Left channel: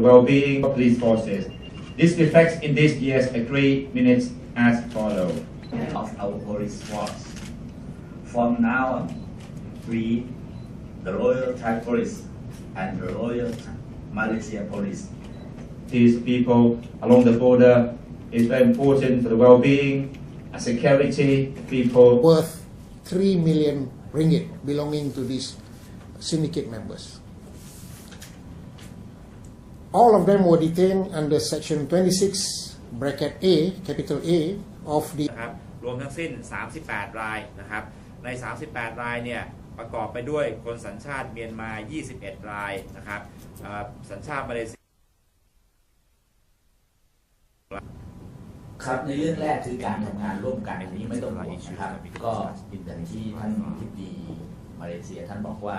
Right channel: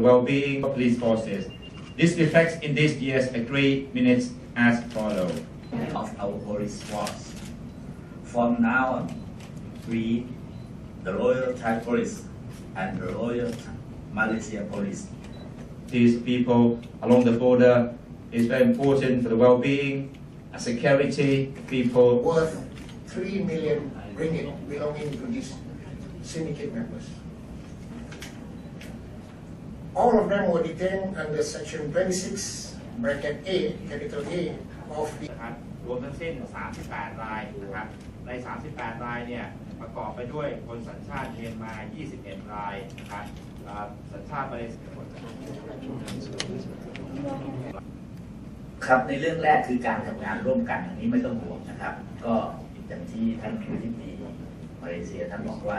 the well-being of police forces. This reflects in this year's agreed minutes as follows. of our police force. From now on, we, the Royal Thai Police and the Royal Malaysia Police, These people along the border is very important for the well-being, and security, of people worth 3 million ringgit belonging to these syndicate members. All of them were detained under section 26 bracket A, capital A of the นะครับรวมทั้งสิ้น 38 รายนะครับ ใน 38 รายเนี่ยประกอบไปด้วยคนสัญชาติเมียนมา 21 รายนะครับเอ่อสัญชาติมาเลเซีย ครับในเรื่องแรกคือการทำงานร่วมกันอันนี้ไม่ต้องห่วงนะครับ ก็อย่างที่ท่านผู้ที่ดีมาเลเซียท่านบอกว่า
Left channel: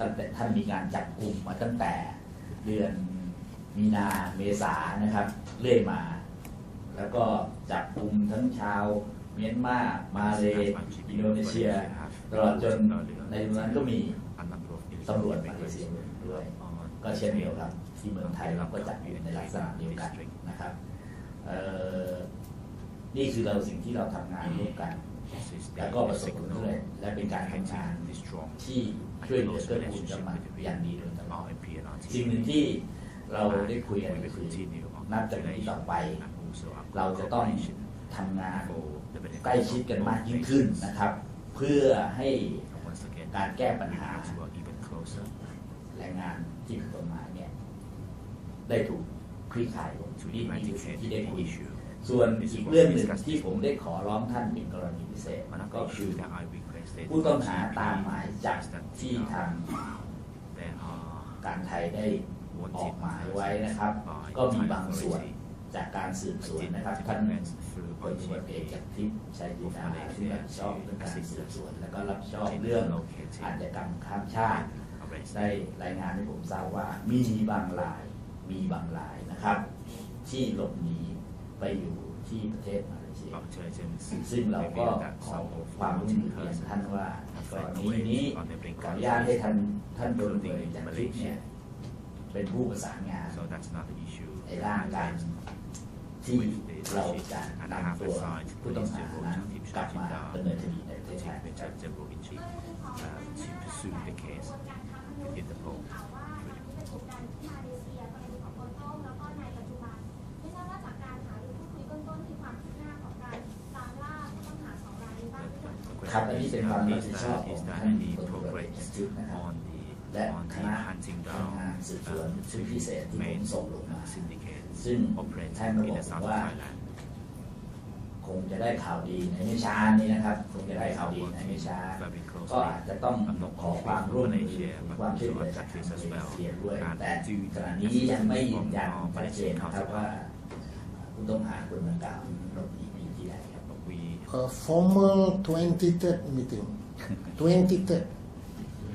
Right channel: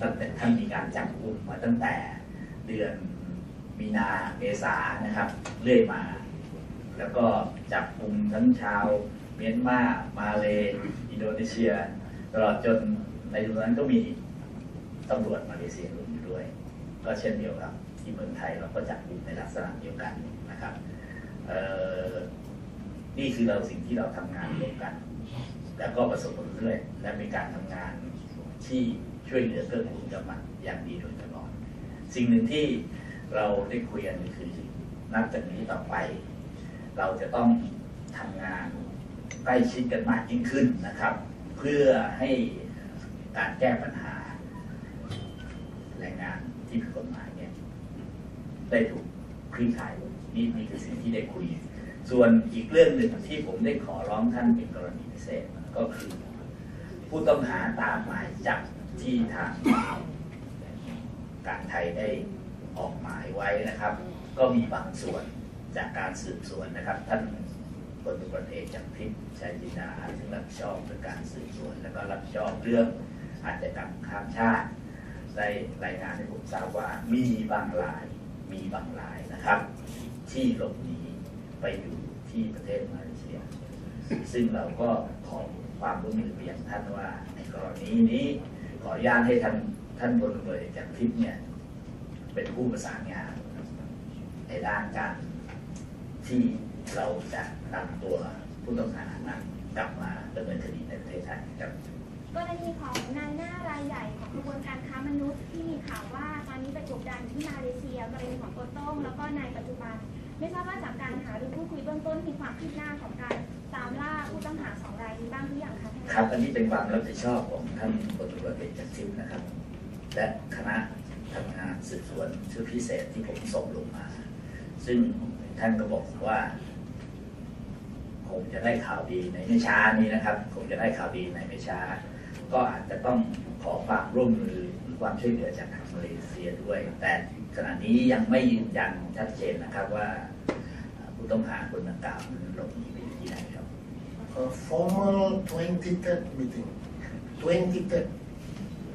ตั้งแต่ท่านมีการจับกลุ่มมาตั้งแต่เดือน มีนาเมษานะครับ เรื่อยมา แล้วก็จับกลุ่มทั้งชาว เมียนมา มาเลอินโดนีเซีย ตลอดจนในตรงนั้นก็มีตำรวจมาเลเซียด้วย ก็เช่นเดียวกับที่เมืองไทยเราก็จับอยู่ในลักษณะเดียวกันนะครับนี่คือเราสิ่งที่เราทำงานร่วมกัน แล้วก็ประสบผลสำเร็จและเป็นการทำงานที่ช่วยเหลือเพื่อคุณสมัครอย่างดีโดยตลอดสิ่งหนึ่งที่ เราได้คุยกันก็คือนับจากนี้ต่อไป เราจะต้องทำงานใกล้ชิดกันมากยิ่งขึ้นนะครับ เพื่อให้การแก้ปัญหาแรงงานที่ผิดกฎหมายเนี่ยได้ถูกคลี่คลายลงนี่นี่คือสิ่งที่ได้คุยส่วนอีกเรื่องหนึ่งที่ผมได้ขอร้องท่านเป็นกรณีพิเศษก็คือผู้ต้องหาตามหมายจับที่ทางการไทยได้ ออกหมายไว้นะครับ ก็มีบางส่วนจากการสืบสวนนะครับ ท่านพลตำรวจเอกจากทิพย์ชัยจินดาที่รับผิดชอบเรื่องการสืบสวน แล้วก็รับผิดชอบเรื่องอาชญากรรมข้ามชาติได้รายงานให้ผมทราบว่ามีบางรายมีบางรายนะครับ ที่หลบหนีไปอยู่ที่ประเทศมาเลเซียซึ่งเราก็ขอความร่วมมือเรียนท่านว่ากรณีนี้ขออนุญาตให้ท่านท่านพลตำรวจเอกจากทิพย์เนี่ย เป็นผู้ประสานงานในด้านการที่เราจะนำตัวผู้ต้องหานั้นกลับมาดำเนินคดีในประเทศไทยครับกรณีของนายหน้ารายใหญ่ของกระบวนการค้ามนุษย์ที่มีข่าวว่าตอนนี้ไปกบดานอยู่ที่มาเลเซียกรณีของโกโต้งแล้วก็นายปัจจุบัน ไม่ทราบว่าจากการหาหรือพูดคุยเบื้องต้นมีความคืบหน้าของการตามล่าผู้ต้องหาสองรายนี้บ้างหรือยังคะครับอันนี้เป็นความรับผิดชอบของท่านพลตำรวจเอกจากทิพย์นะครับ และคณะทำงานสืบสวนชุดพิเศษที่ผมส่งลงมา ซึ่งท่านก็บอกว่าคงจะได้ข่าวดีในไม่ช้านี้นะครับคงจะได้ข่าวดีในไม่ช้า ก็อาจจะต้องขอความร่วมมือความช่วยเหลือจากทางมาเลเซียด้วย แต่ขณะนี้ยังไม่ยืนยันชัดเจนนะครับว่าผู้ต้องหาคนดังกล่าวนั้นหลบหนีไปอยู่ที่ไหนครับ a formal 23 meeting. 23